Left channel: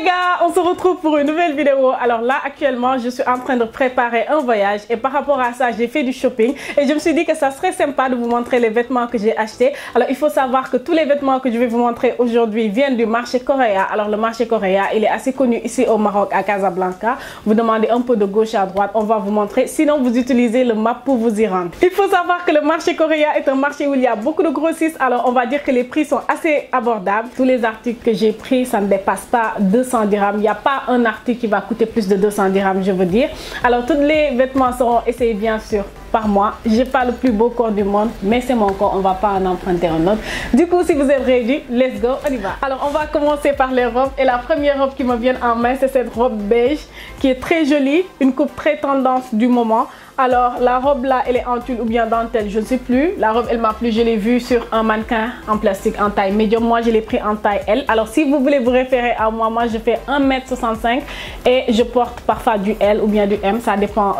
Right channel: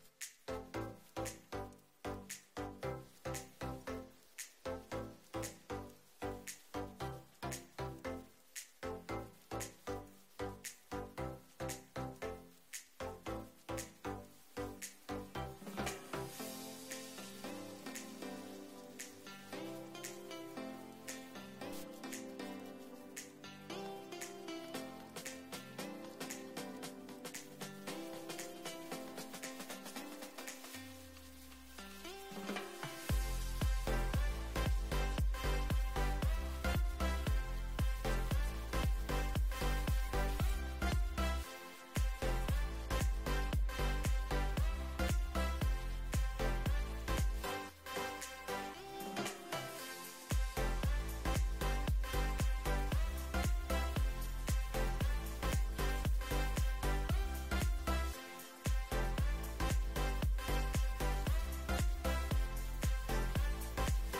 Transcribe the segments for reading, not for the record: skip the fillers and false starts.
les gars, on se retrouve pour une nouvelle vidéo. Alors là actuellement je suis en train de préparer un voyage et par rapport à ça j'ai fait du shopping et je me suis dit que ça serait sympa de vous montrer les vêtements que j'ai achetés. Alors il faut savoir que tous les vêtements que je vais vous montrer aujourd'hui viennent du marché Correa. Alors le marché Correa il est assez connu ici au Maroc à Casablanca. Vous demandez un peu de gauche à droite, on va vous montrer, sinon vous utilisez le map pour vous y rendre. Il faut savoir que le marché Correa est un marché où il y a beaucoup de grossistes, alors on va dire que les prix sont assez abordables. Tous les articles que j'ai pris ça ne dépasse pas 200 dirhams. Il n'y a pas un article qui va coûter plus de 200 dirhams, je veux dire. Alors tous les vêtements seront essayés bien sûr par moi. J'ai pas le plus beau corps du monde, mais c'est mon corps, on va pas en emprunter un autre. Du coup, si vous êtes ready, let's go, on y va. Alors on va commencer par les robes et la première robe qui me vient en main c'est cette robe beige qui est très jolie, une coupe très tendance du moment. Alors la robe là elle est en tulle ou bien dentelle, je ne sais plus. La robe elle m'a plu, je l'ai vue sur un mannequin en plastique en taille médium. Moi je l'ai pris en taille L. Alors si vous voulez vous référer à moi, moi je fais 1m65 et je porte parfois du L ou bien du M. Ça dépend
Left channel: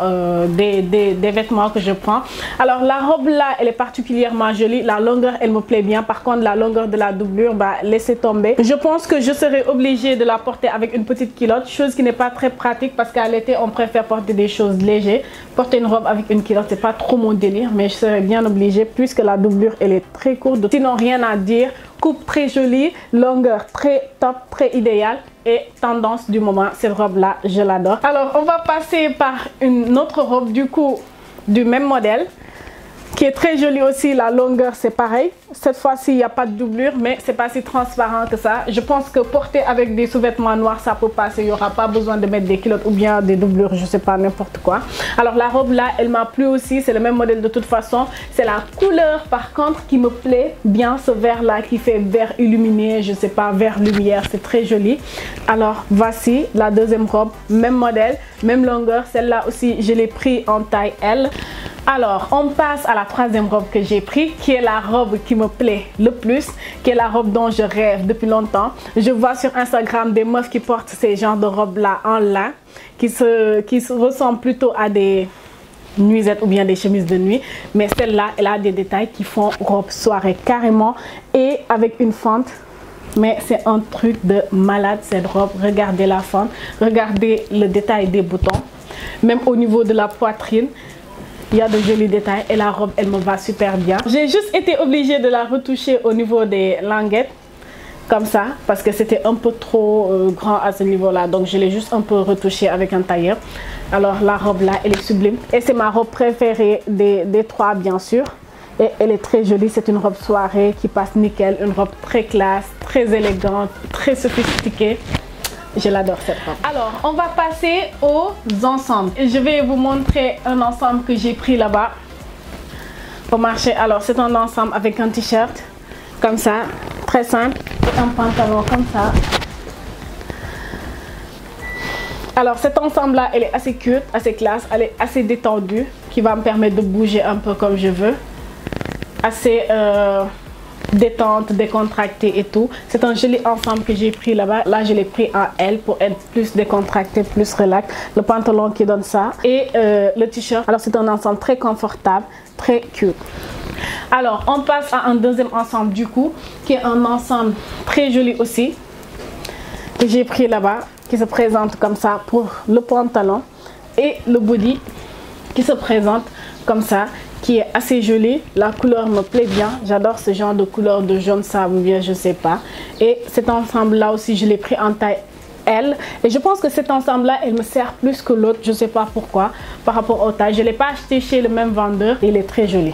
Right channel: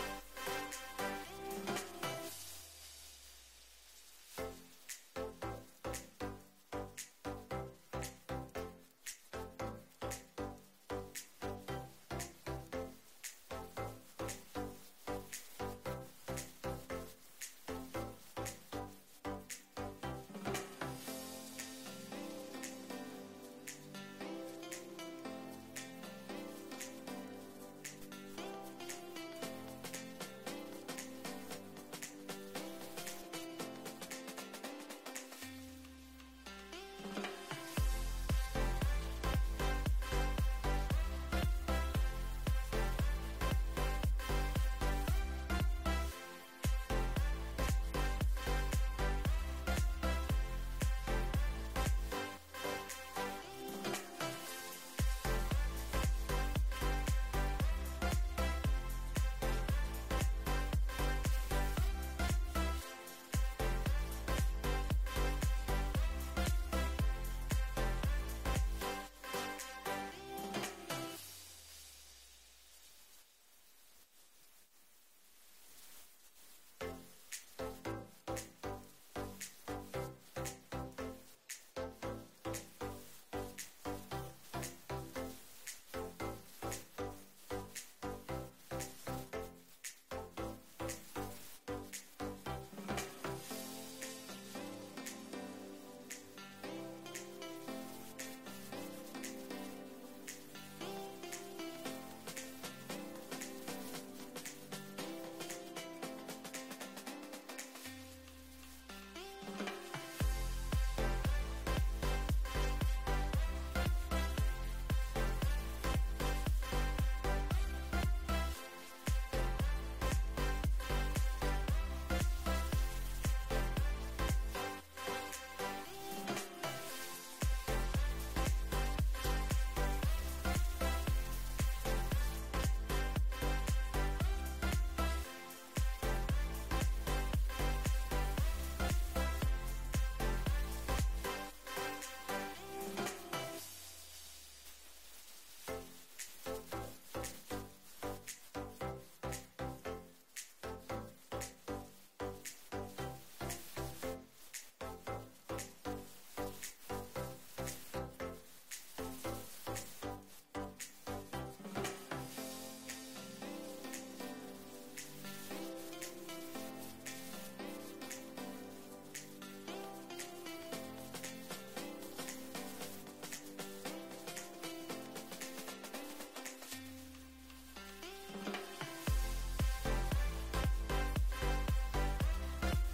des vêtements que je prends. Alors la robe là elle est particulièrement jolie. La longueur elle me plaît bien. Par contre la longueur de la doublure, bah laissez tomber. Je pense que je serai obligée de la porter avec une petite culotte. Chose qui n'est pas très pratique parce qu'à l'été on préfère porter des choses légères. Porter une robe avec une culotte c'est pas trop mon délire, mais je serais bien obligée puisque la doublure elle est très courte. Sinon rien à dire, coupe très jolie, longueur très top, très idéale et tendance du moment. Cette robe là je l'adore. Alors on va passer par une autre robe du coup du même modèle qui est très jolie aussi. La longueur c'est pareil, cette fois-ci il n'y a pas de doublure mais c'est pas si transparent que ça. Je pense que porter avec des sous-vêtements noirs ça peut passer, il n'y aura pas besoin de mettre des culottes ou bien des doublures, je sais pas, n'importe quoi. Alors la robe là elle m'a plu aussi, c'est le même modèle de toute façon. C'est la couleur par contre qui me plaît bien, ce vert là qui fait vert illuminé, je sais pas, vert lumière, c'est très joli. Alors voici la deuxième robe, même modèle, même longueur, celle-là aussi je l'ai pris en taille L. Alors on passe à la troisième robe que j'ai pris qui est la robe qui me plaît le plus, qui est la robe dont je rêve depuis longtemps. Je vois sur Instagram des meufs qui portent ces genres de robes là en lin qui ressemblent plutôt à des nuisettes ou bien des chemises de nuit, mais celle-là elle a des détails qui font robe soirée carrément et avec une fente. Mais c'est un truc de malade cette robe. Regardez la fente, regardez le détail des boutons, même au niveau de la poitrine. Il y a de jolis détails et la robe elle me va super bien. J'ai juste été obligée de la retoucher au niveau des languettes comme ça parce que c'était un peu trop grand à ce niveau là, donc je l'ai juste un peu retouché avec un tailleur. Alors la robe là elle est sublime et c'est ma robe préférée des trois bien sûr et elle est très jolie. C'est une robe soirée qui passe nickel, une robe très classe, très élégante, très sophistiquée. Je l'adore cette robe. Alors on va passer aux ensembles et je vais vous montrer un ensemble que j'ai pris là-bas au marché. Alors c'est un ensemble avec un t-shirt comme ça, très simple, et un pantalon comme ça. Alors cet ensemble là elle est assez cute, assez classe, elle est assez détendue, qui va me permettre de bouger un peu comme je veux, assez détente, décontractée et tout. C'est un joli ensemble que j'ai pris là-bas. Là je l'ai pris en L pour être plus décontracté, plus relax. Le pantalon qui donne ça et le t-shirt. Alors c'est un ensemble très confortable, très cute. Alors on passe à un deuxième ensemble du coup qui est un ensemble très joli aussi que j'ai pris là-bas, qui se présente comme ça pour le pantalon et le body qui se présente comme ça, qui est assez joli. La couleur me plaît bien, j'adore ce genre de couleur de jaune sable ou bien je sais pas. Et cet ensemble là aussi je l'ai pris en taille L et je pense que cet ensemble là elle me sert plus que l'autre, je sais pas pourquoi par rapport au taille. Je l'ai pas acheté chez le même vendeur et il est très joli.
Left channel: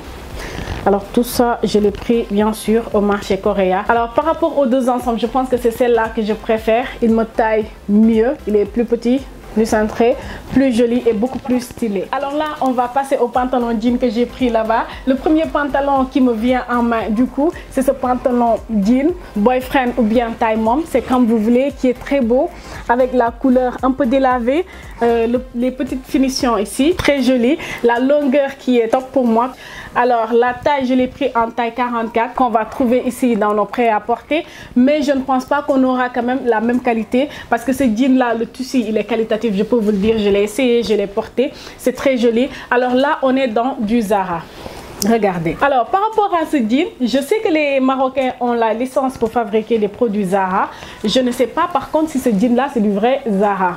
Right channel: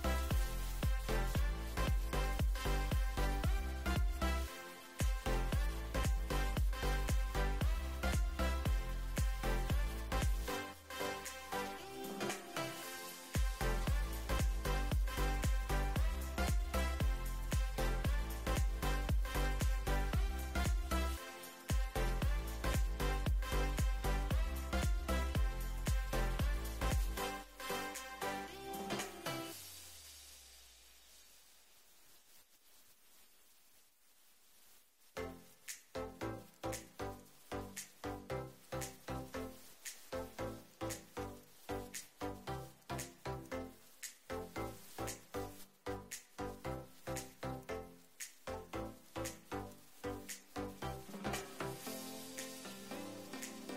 Alors tout ça je l'ai pris bien sûr au marché Correa. Alors par rapport aux deux ensembles je pense que c'est celle-là que je préfère. Il me taille mieux, il est plus petit, plus cintré, plus joli et beaucoup plus stylé. Alors là on va passer au pantalon jean que j'ai pris là-bas. Le premier pantalon qui me vient en main du coup c'est ce pantalon jean boyfriend ou bien taille mom, c'est comme vous voulez, qui est très beau avec la couleur un peu délavée, les petites finitions ici très jolies, la longueur qui est top pour moi. Alors la taille je l'ai pris en taille 44 qu'on va trouver ici dans nos prêt-à-porter, mais je ne pense pas qu'on aura quand même la même qualité parce que ce jean là, le tissu il est qualitatif, je peux vous le dire, je l'ai essayé, je l'ai porté, c'est très joli. Alors là on est dans du Zara. Regardez. Alors, par rapport à ce jean, je sais que les Marocains ont la licence pour fabriquer des produits Zara. Je ne sais pas par contre si ce jean-là, c'est du vrai Zara.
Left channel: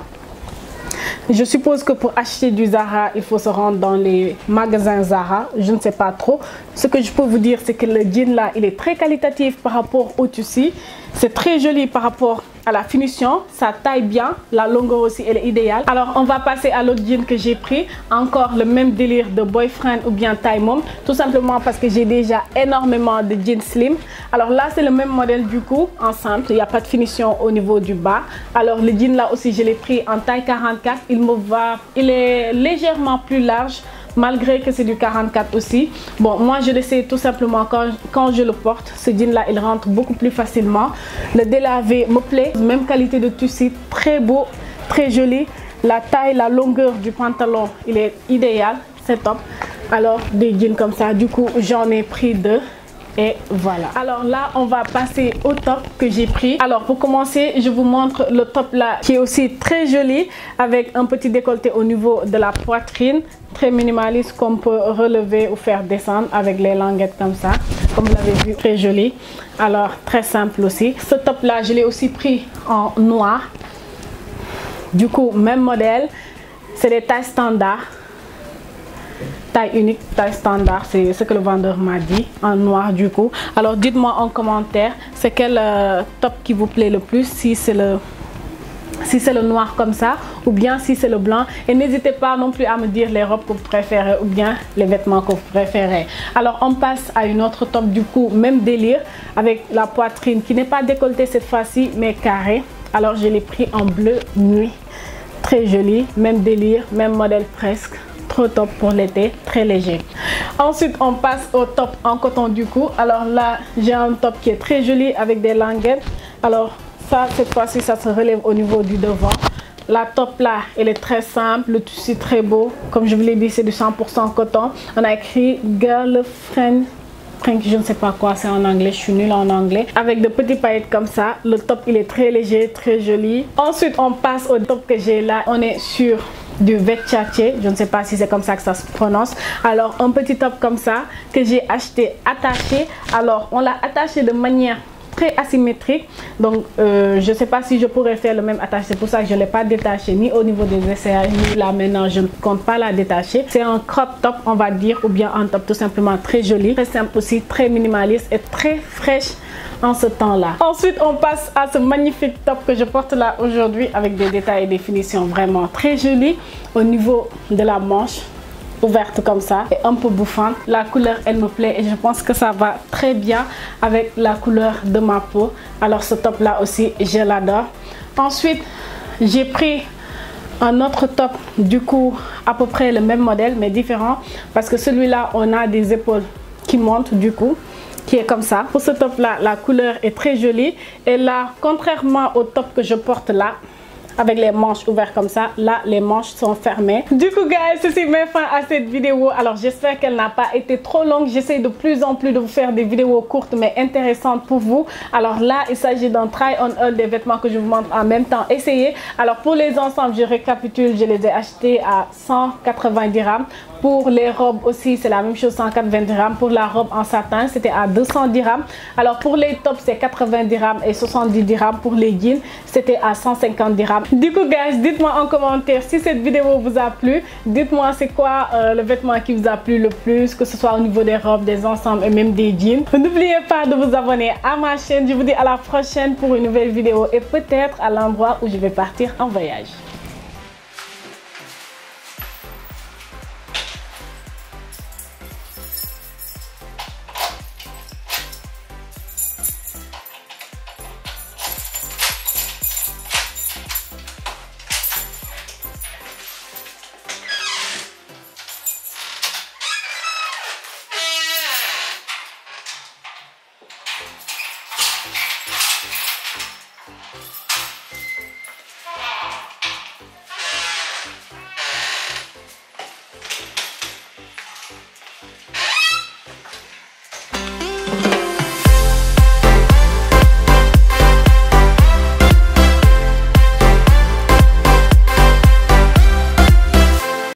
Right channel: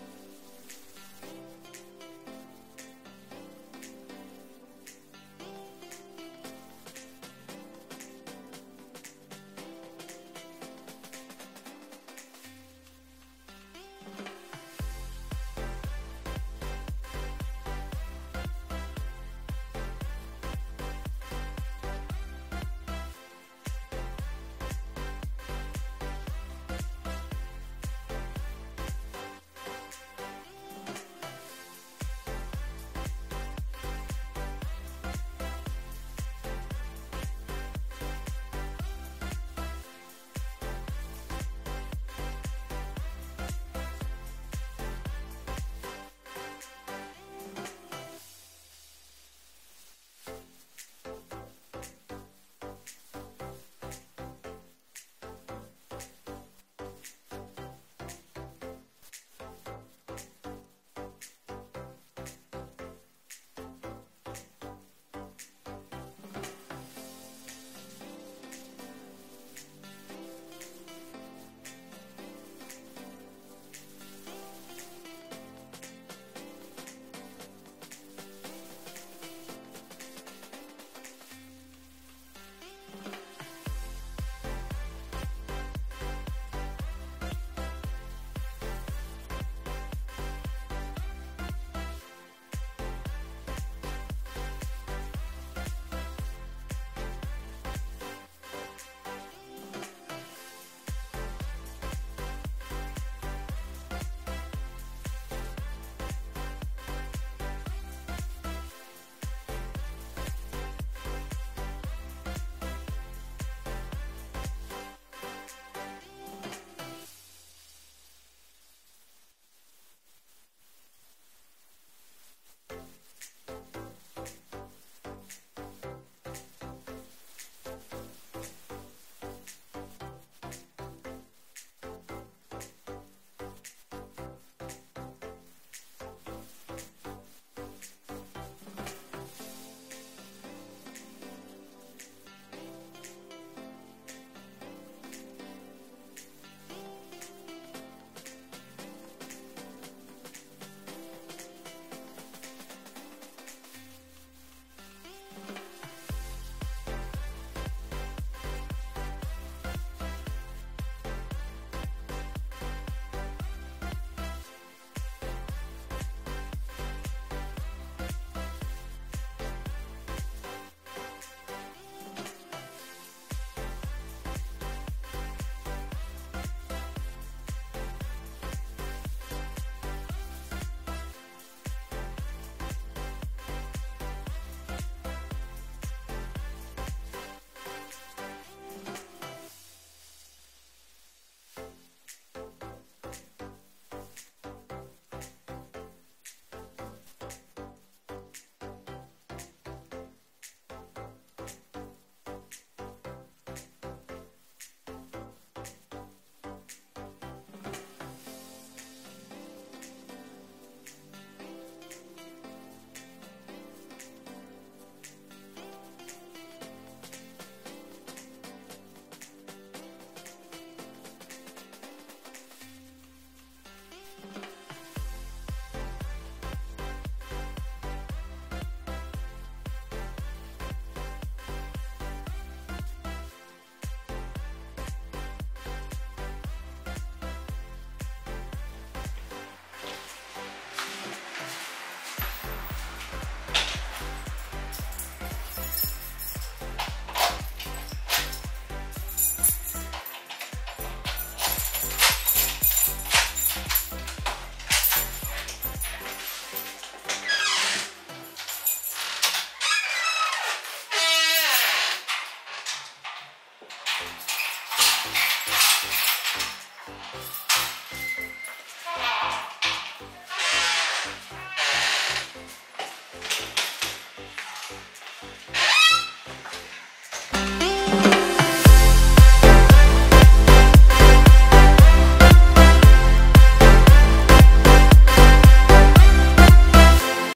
Je suppose que pour acheter du Zara, il faut se rendre dans les magasins Zara. Je ne sais pas trop. Ce que je peux vous dire, c'est que le jean là, il est très qualitatif par rapport au tissu. C'est très joli par rapport à la finition. Ça taille bien. La longueur aussi, elle est idéale. Alors, on va passer à l'autre jean que j'ai pris. Encore le même délire de boyfriend ou bien taille mom. Tout simplement parce que j'ai déjà énormément de jeans slim. Alors là, c'est le même modèle du coup, en simple. Il n'y a pas de finition au niveau du bas. Alors, le jean là aussi, je l'ai pris en taille 44. Il me va. Il est légèrement plus large, malgré que c'est du 44 aussi. Bon, moi je le sais tout simplement quand je le porte, ce jean là il rentre beaucoup plus facilement. Le délavé me plaît, même qualité de tissu, très beau, très joli. La taille, la longueur du pantalon, il est idéal, c'est top. Alors des jeans comme ça, du coup j'en ai pris deux. Et voilà. Alors là, on va passer au top que j'ai pris. Alors pour commencer, je vous montre le top là qui est aussi très joli avec un petit décolleté au niveau de la poitrine. Très minimaliste qu'on peut relever ou faire descendre avec les languettes comme ça. Comme vous l'avez vu, très joli. Alors très simple aussi. Ce top là, je l'ai aussi pris en noir. Du coup, même modèle. C'est des tailles standards. Taille unique, taille standard, c'est ce que le vendeur m'a dit, en noir du coup. Alors dites-moi en commentaire, c'est quel top qui vous plaît le plus, si c'est le noir comme ça ou bien si c'est le blanc. Et n'hésitez pas non plus à me dire les robes que vous préférez ou bien les vêtements que vous préférez. Alors on passe à une autre top du coup, même délire, avec la poitrine qui n'est pas décolletée cette fois-ci mais carrée. Alors je l'ai pris en bleu nuit, très joli, même délire, même modèle presque. Trop top pour l'été, très léger. Ensuite, on passe au top en coton du coup. Alors là, j'ai un top qui est très joli avec des languettes. Alors ça, cette fois-ci, ça se relève au niveau du devant. La top là, elle est très simple, le tissu très beau. Comme je vous l'ai dit, c'est du 100% coton. On a écrit Girlfriend. Je ne sais pas quoi, c'est en anglais, je suis nulle en anglais. Avec de petits paillettes comme ça. Le top, il est très léger, très joli. Ensuite, on passe au top que j'ai là. On est sur du Versace, je ne sais pas si c'est comme ça que ça se prononce. Alors un petit top comme ça que j'ai acheté attaché. Alors on l'a attaché de manière très asymétrique, donc je ne sais pas si je pourrais faire le même attache. C'est pour ça que je ne l'ai pas détaché ni au niveau des aisselles ni là maintenant, je ne compte pas la détacher. C'est un crop top on va dire, ou bien un top tout simplement très joli, très simple aussi, très minimaliste et très fraîche en ce temps-là. Ensuite, on passe à ce magnifique top que je porte là aujourd'hui avec des détails et des finitions vraiment très jolies au niveau de la manche, ouverte comme ça et un peu bouffante. La couleur, elle me plaît et je pense que ça va très bien avec la couleur de ma peau. Alors ce top là aussi, je l'adore. Ensuite, j'ai pris un autre top, du coup à peu près le même modèle mais différent, parce que celui-là on a des épaules qui montent du coup, qui est comme ça. Pour ce top là, la couleur est très jolie et là, contrairement au top que je porte là avec les manches ouvertes comme ça, là les manches sont fermées. Du coup guys, ceci met fin à cette vidéo. Alors j'espère qu'elle n'a pas été trop longue. J'essaie de plus en plus de vous faire des vidéos courtes mais intéressantes pour vous. Alors là, il s'agit d'un try on haul des vêtements que je vous montre en même temps. Essayez. Alors pour les ensembles, je récapitule, je les ai achetés à 180 dirhams. Pour les robes aussi, c'est la même chose, 180 dirhams. Pour la robe en satin, c'était à 200 dirhams. Alors pour les tops, c'est 80 dirhams et 70 dirhams. Pour les jeans, c'était à 150 dirhams. Du coup, guys, dites-moi en commentaire si cette vidéo vous a plu. Dites-moi c'est quoi le vêtement qui vous a plu le plus, que ce soit au niveau des robes, des ensembles et même des jeans. N'oubliez pas de vous abonner à ma chaîne. Je vous dis à la prochaine pour une nouvelle vidéo et peut-être à l'endroit où je vais partir en voyage.